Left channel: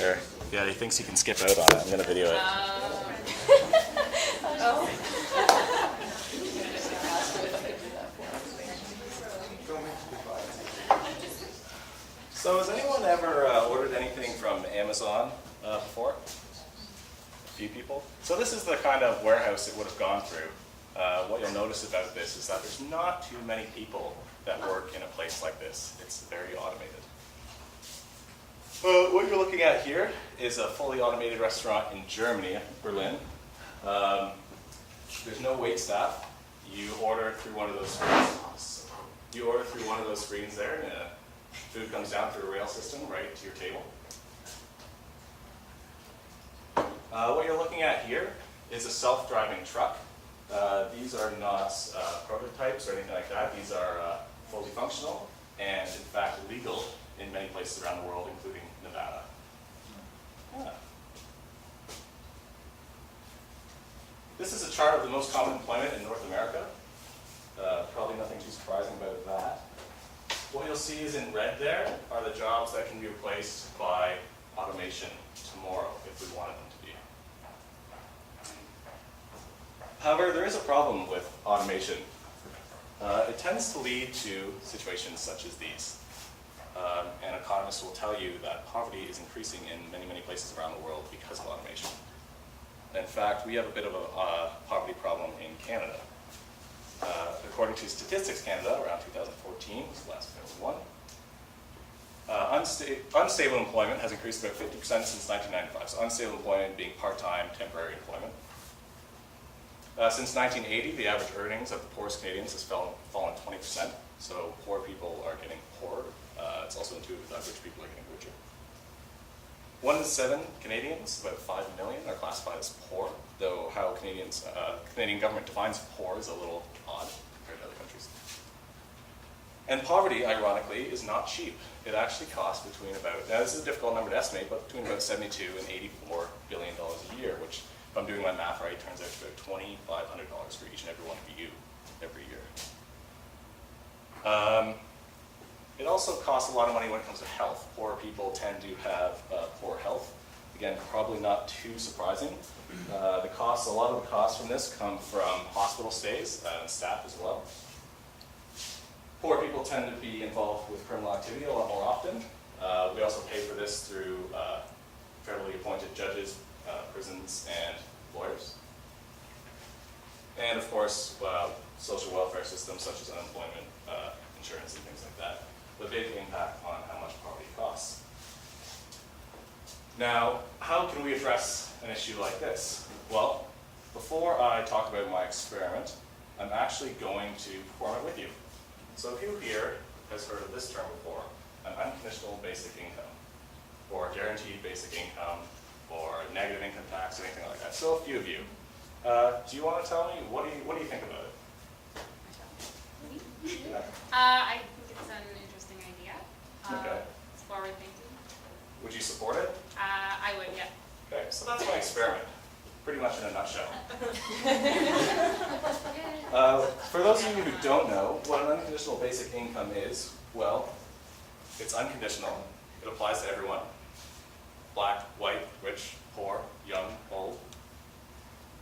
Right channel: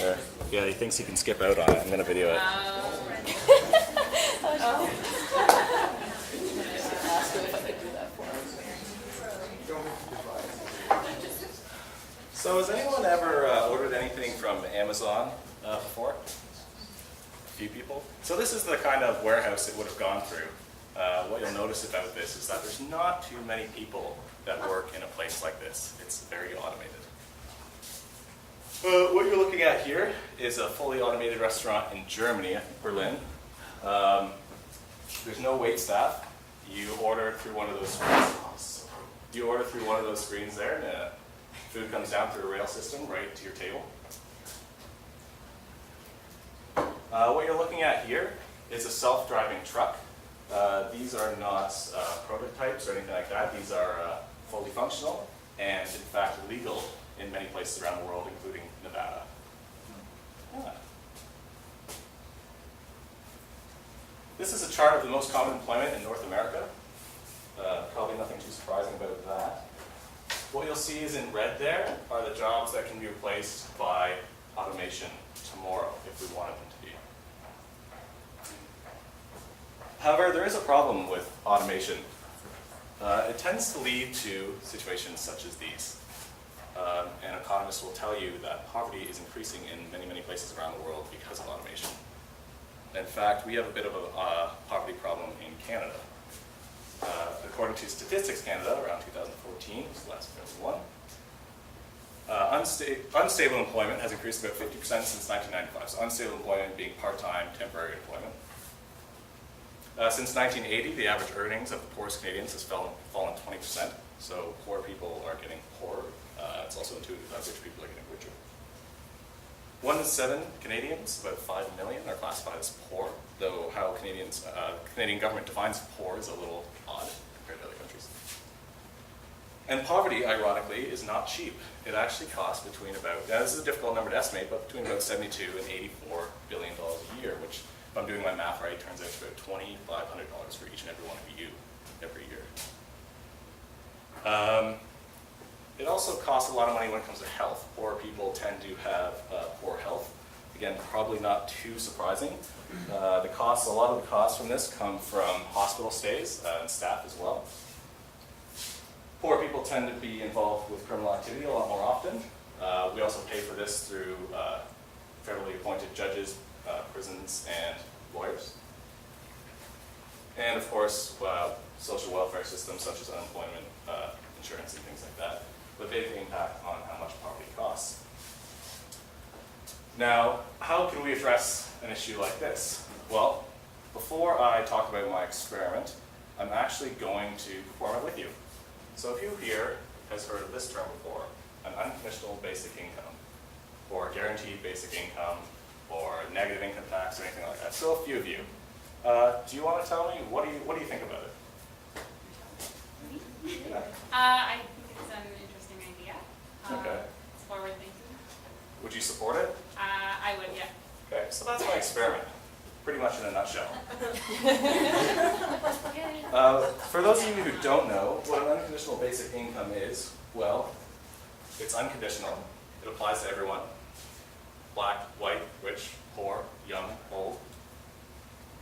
Or, yeah, he thinks he can skip out on it. I'm going to video it. So has anyone ever ordered anything from Amazon before? A few people? So this is the kind of warehouse it would have gone through. What you'll notice about this is that there's not too many people that work in a place like this. It's very automated. What you're looking at here is a fully automated restaurant in Germany, Berlin. There's no wait staff. You order through one of those screens. You order through one of those screens there, and food comes down through a rail system right to your table. What you're looking at here is a self-driving truck. These are not prototypes or anything like that. These are fully functional and, in fact, legal in many places around the world, including Nevada. Yeah. This is a chart of the most common employment in North America. Probably nothing too surprising about that. What you'll see is in red there are the jobs that can be replaced by automation tomorrow if we wanted them to be. However, there is a problem with automation. It tends to lead to situations such as these. And economists will tell you that poverty is increasing in many, many places around the world because of automation. In fact, we have a bit of a poverty problem in Canada. According to Statistics Canada, around 2014 was the last one. Unstable employment has increased about 50% since 1995. So unstable employment being part-time, temporary employment. Since 1980, the average earnings of the poorest Canadians has fallen 20%. So poor people are getting poorer. It's also intuitive that rich people are getting richer. 1 in 7 Canadians, about 5 million, are classified as poor, though how Canadian government defines poor is a little odd compared to other countries. And poverty, ironically, is not cheap. It actually costs between about, now this is a difficult number to estimate, but between about $72 and $84 billion a year, which, if I'm doing my math right, turns out to about $2,500 for each and every one of you every year. It also costs a lot of money when it comes to health. Poor people tend to have poor health. Again, probably not too surprising. A lot of the costs from this come from hospital stays and staff as well. Poor people tend to be involved with criminal activity a lot more often. We also pay for this through federally appointed judges, prisons, and lawyers. And of course, social welfare systems such as unemployment insurance and things like that. A big impact on how much poverty costs. Now, how can we address an issue like this? Well, before I talk about my experiment, I'm actually going to perform it with you. So who here has heard of this term before? An unconditional basic income, or guaranteed basic income, or negative income tax, or anything like that. So a few of you. Do you want to tell me, what do you think about it? I think it's an interesting idea. Okay. It's forward thinking. Would you support it? I would, yeah. Okay, so that's my experiment, pretty much in a nutshell. For those of you who don't know, what an unconditional basic income is, well, it's unconditional. It applies to everyone. Black, white, rich, poor, young, old.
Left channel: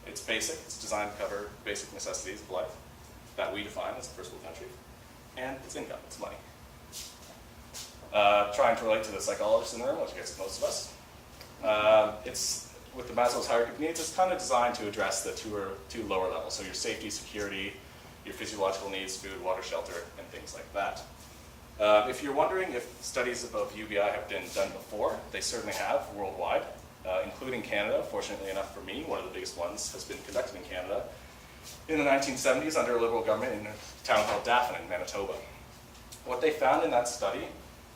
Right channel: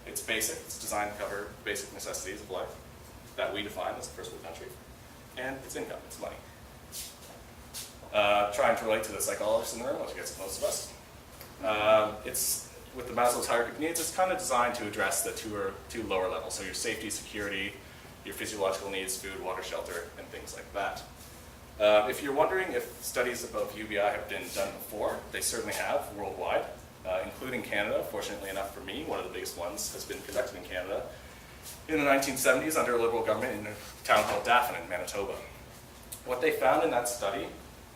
It's basic. It's designed to cover basic necessities of life that we define as a first world country. And it's income, it's money. Trying to relate to the psychologist in the room, which gets most of us. It's, with the Maslow's hierarchy of needs, it's kind of designed to address the two lower levels. So your safety, security, your physiological needs, food, water, shelter, and things like that. If you're wondering if studies above UBI have been done before, they certainly have worldwide, including Canada. Fortunately enough for me, one of the biggest ones has been conducted in Canada in the 1970s under a Liberal government in a town called Dauphin in Manitoba. What they found in that study,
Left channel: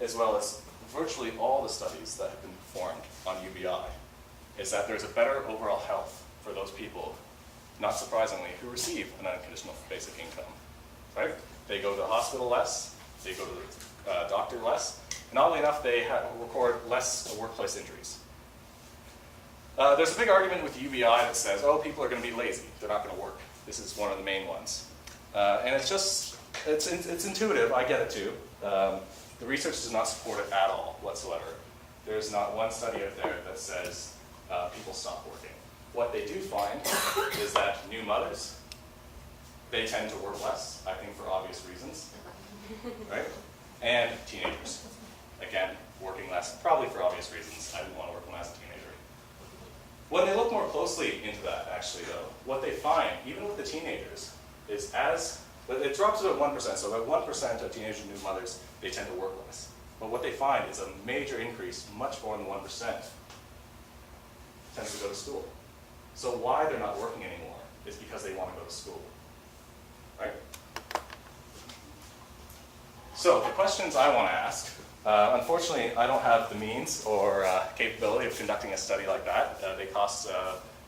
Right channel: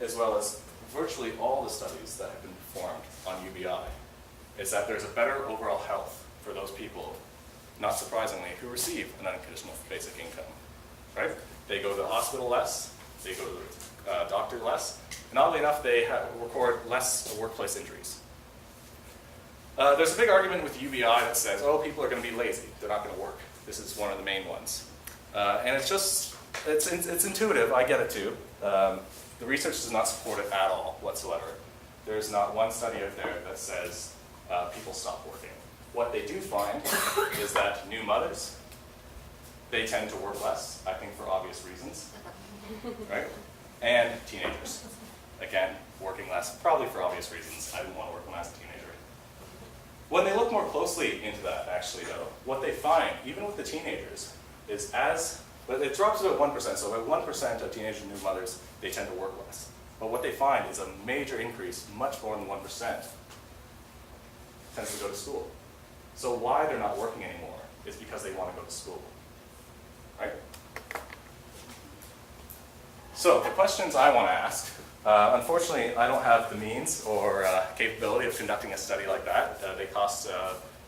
as well as virtually all the studies that have been performed on UBI, is that there's a better overall health for those people, not surprisingly, who receive an unconditional basic income. Right? They go to the hospital less, they go to the doctor less, and oddly enough, they record less workplace injuries. There's a big argument with UBI that says, oh, people are going to be lazy, they're not going to work. This is one of the main ones. And it's intuitive, I get it too. The research does not support it at all whatsoever. there's not one study out there that says people stop working. What they do find is that new mothers, they tend to work less, I think for obvious reasons, right? And teenagers, again, working less, probably for obvious reasons. I didn't want to work when I was a teenager. When they look more closely into that, actually, though, what they find, even with the teenagers, is it drops about 1%, so about 1% of teenagers and new mothers, they tend to work less. But what they find is a major increase, much more than 1%, tends to go to school. So why they're not working anymore is because they want to go to school, right? So the questions I want to ask, unfortunately, I don't have the means or capability of conducting a study like that. They cost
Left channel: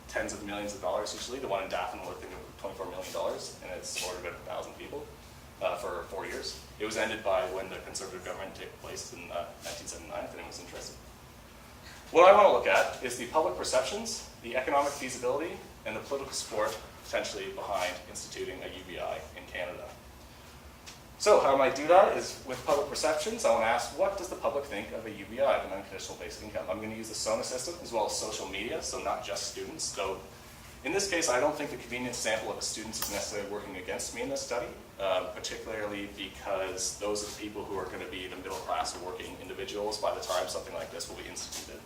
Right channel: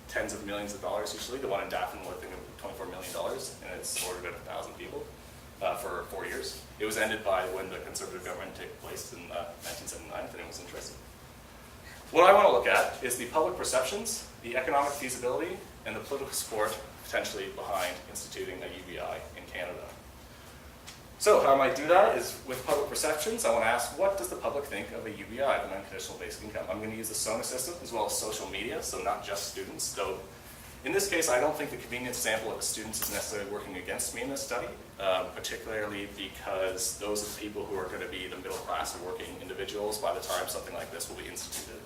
tens of millions of dollars usually. The one in Daphne was $24 million, and it's supported about 1,000 people for 4 years. It was ended by when the Conservative government took place in 1979, if anyone was interested. What I want to look at is the public perceptions, the economic feasibility, and the political support potentially behind instituting a UBI in Canada. So how I might do that is with public perceptions, I want to ask, what does the public think of a UBI, an unconditional basic income? I'm going to use the SONA system as well as social media, so not just students. So in this case, I don't think the convenience sample of the students is necessarily working against me in this study, particularly because those are the people who are going to be the middle class or working individuals by the time something like this will be instituted.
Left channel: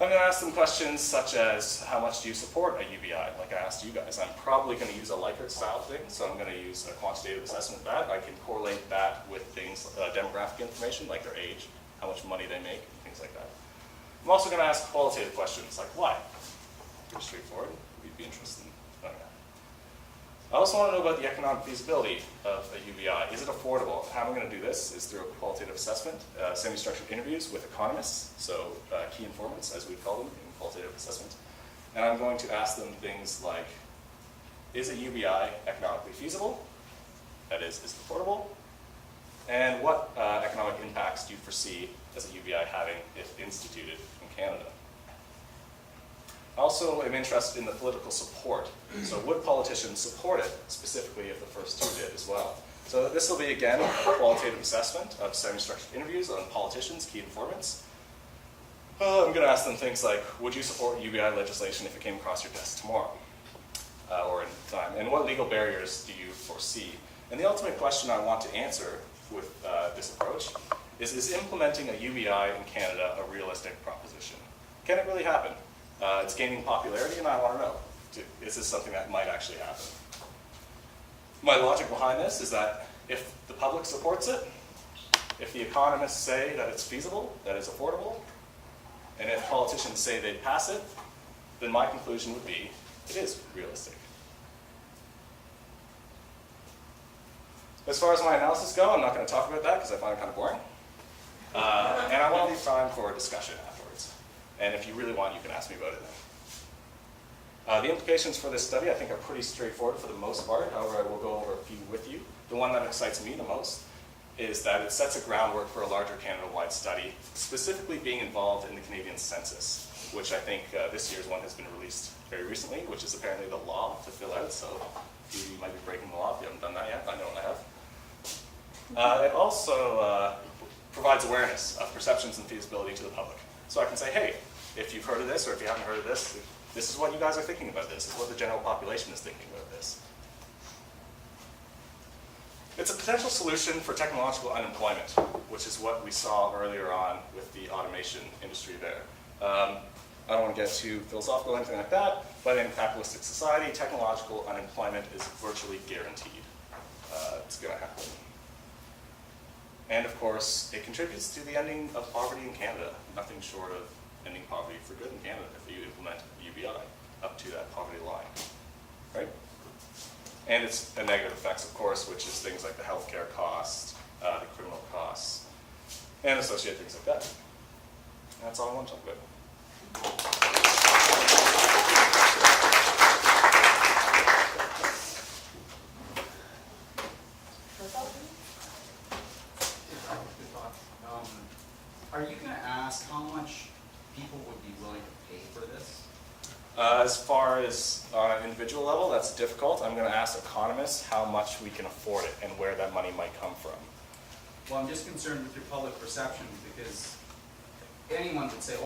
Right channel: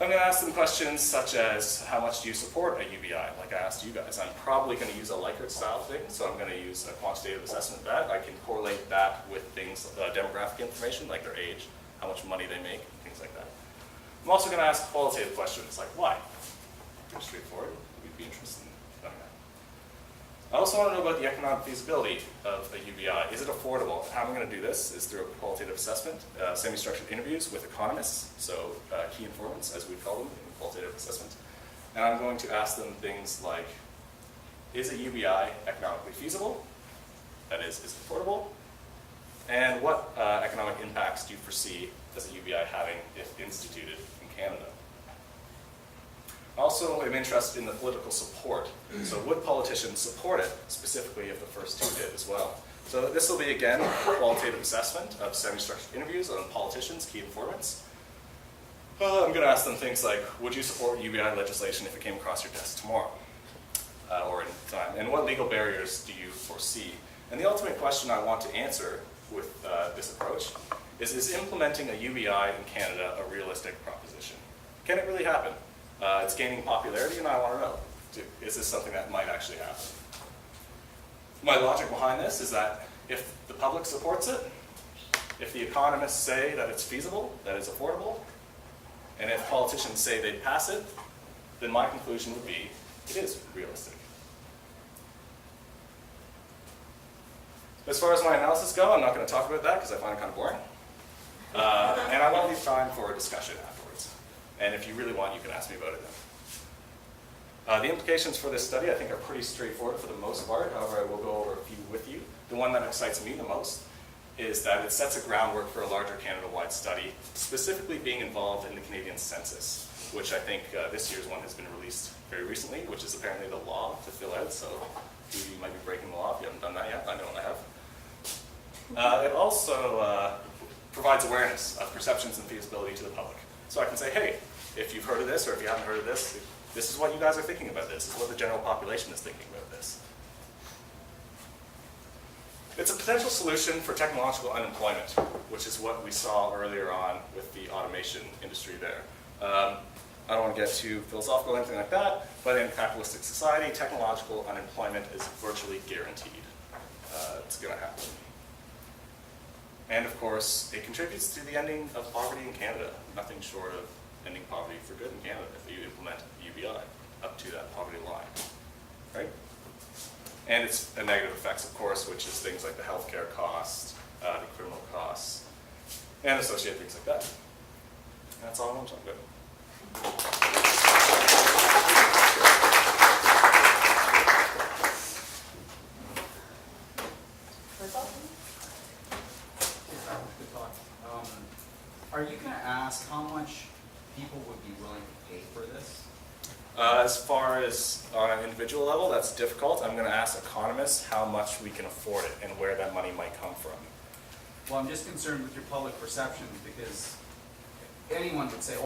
I'm going to ask them questions such as, how much do you support a UBI? Like I asked you guys, I'm probably going to use a Likert style thing, so I'm going to use a quantitative assessment of that. I can correlate that with things, demographic information, like their age, how much money they make, things like that. I'm also going to ask qualitative questions, like why? Pretty straightforward. We'd be interested in knowing that. I also want to know about the economic feasibility of the UBI. Is it affordable? How I'm going to do this is through a qualitative assessment, semi-structured interviews with economists, so key informants, as we call them in qualitative assessment. And I'm going to ask them things like, is a UBI economically feasible? That is it affordable? And what economic impacts do you foresee as a UBI having if instituted in Canada? I also am interested in the political support. So would politicians support it, specifically if the first two did as well? So this will be, again, a qualitative assessment of semi-structured interviews on politicians, key informants. I'm going to ask them things like, would you support UBI legislation if it came across your desk tomorrow or in time? And what legal barriers do you foresee? And the ultimate question I want to answer with this approach is implementing a UBI in Canada a realistic proposition? Can it really happen? It's gaining popularity, and I want to know, is this something that might actually happen? My logic behind this is that if the public supports it, if the economists say that it's feasible, that it's affordable, and if politicians say they'd pass it, then my conclusion would be it is realistic. As far as my analysis go, I'm not going to talk about that because I find it kind of boring. And I want to leave time for discussion afterwards. And if you really want, you can ask me about it then. The implications for this study, I think, are pretty straightforward for the most part. However, I will go over a few with you. The one that excites me the most is that it sets a groundwork for a larger Canada-wide study, specifically being involved in the Canadian census, which I think this year's one has been released very recently, which is apparently the law to fill out. So you might be breaking the law if you haven't done that yet. I know I have. It also provides awareness of perceptions and feasibility to the public. So I can say, hey, if you've heard of this or if you haven't heard of this, this is what you guys are thinking about this. This is what the general population is thinking about this. It's a potential solution for technological unemployment, which is what we saw earlier on with the automation industry there. I don't want to get too philosophical or anything like that, but in capitalistic society, technological unemployment is virtually guaranteed. It's going to happen. And of course, it contributes to the ending of poverty in Canada. Nothing short of ending poverty for good in Canada if you implement UBI up to that poverty line, right? And its negative effects, of course, which is things like the healthcare costs, the criminal costs, and associated things like that. And that's all I want to talk about. Are you going to ask how much people would be willing to pay for this? As far as on an individual level, that's difficult. I'm going to ask economists how much we can afford it and where that money might come from. Well, I'm just concerned with your public perception because anyone would say, oh,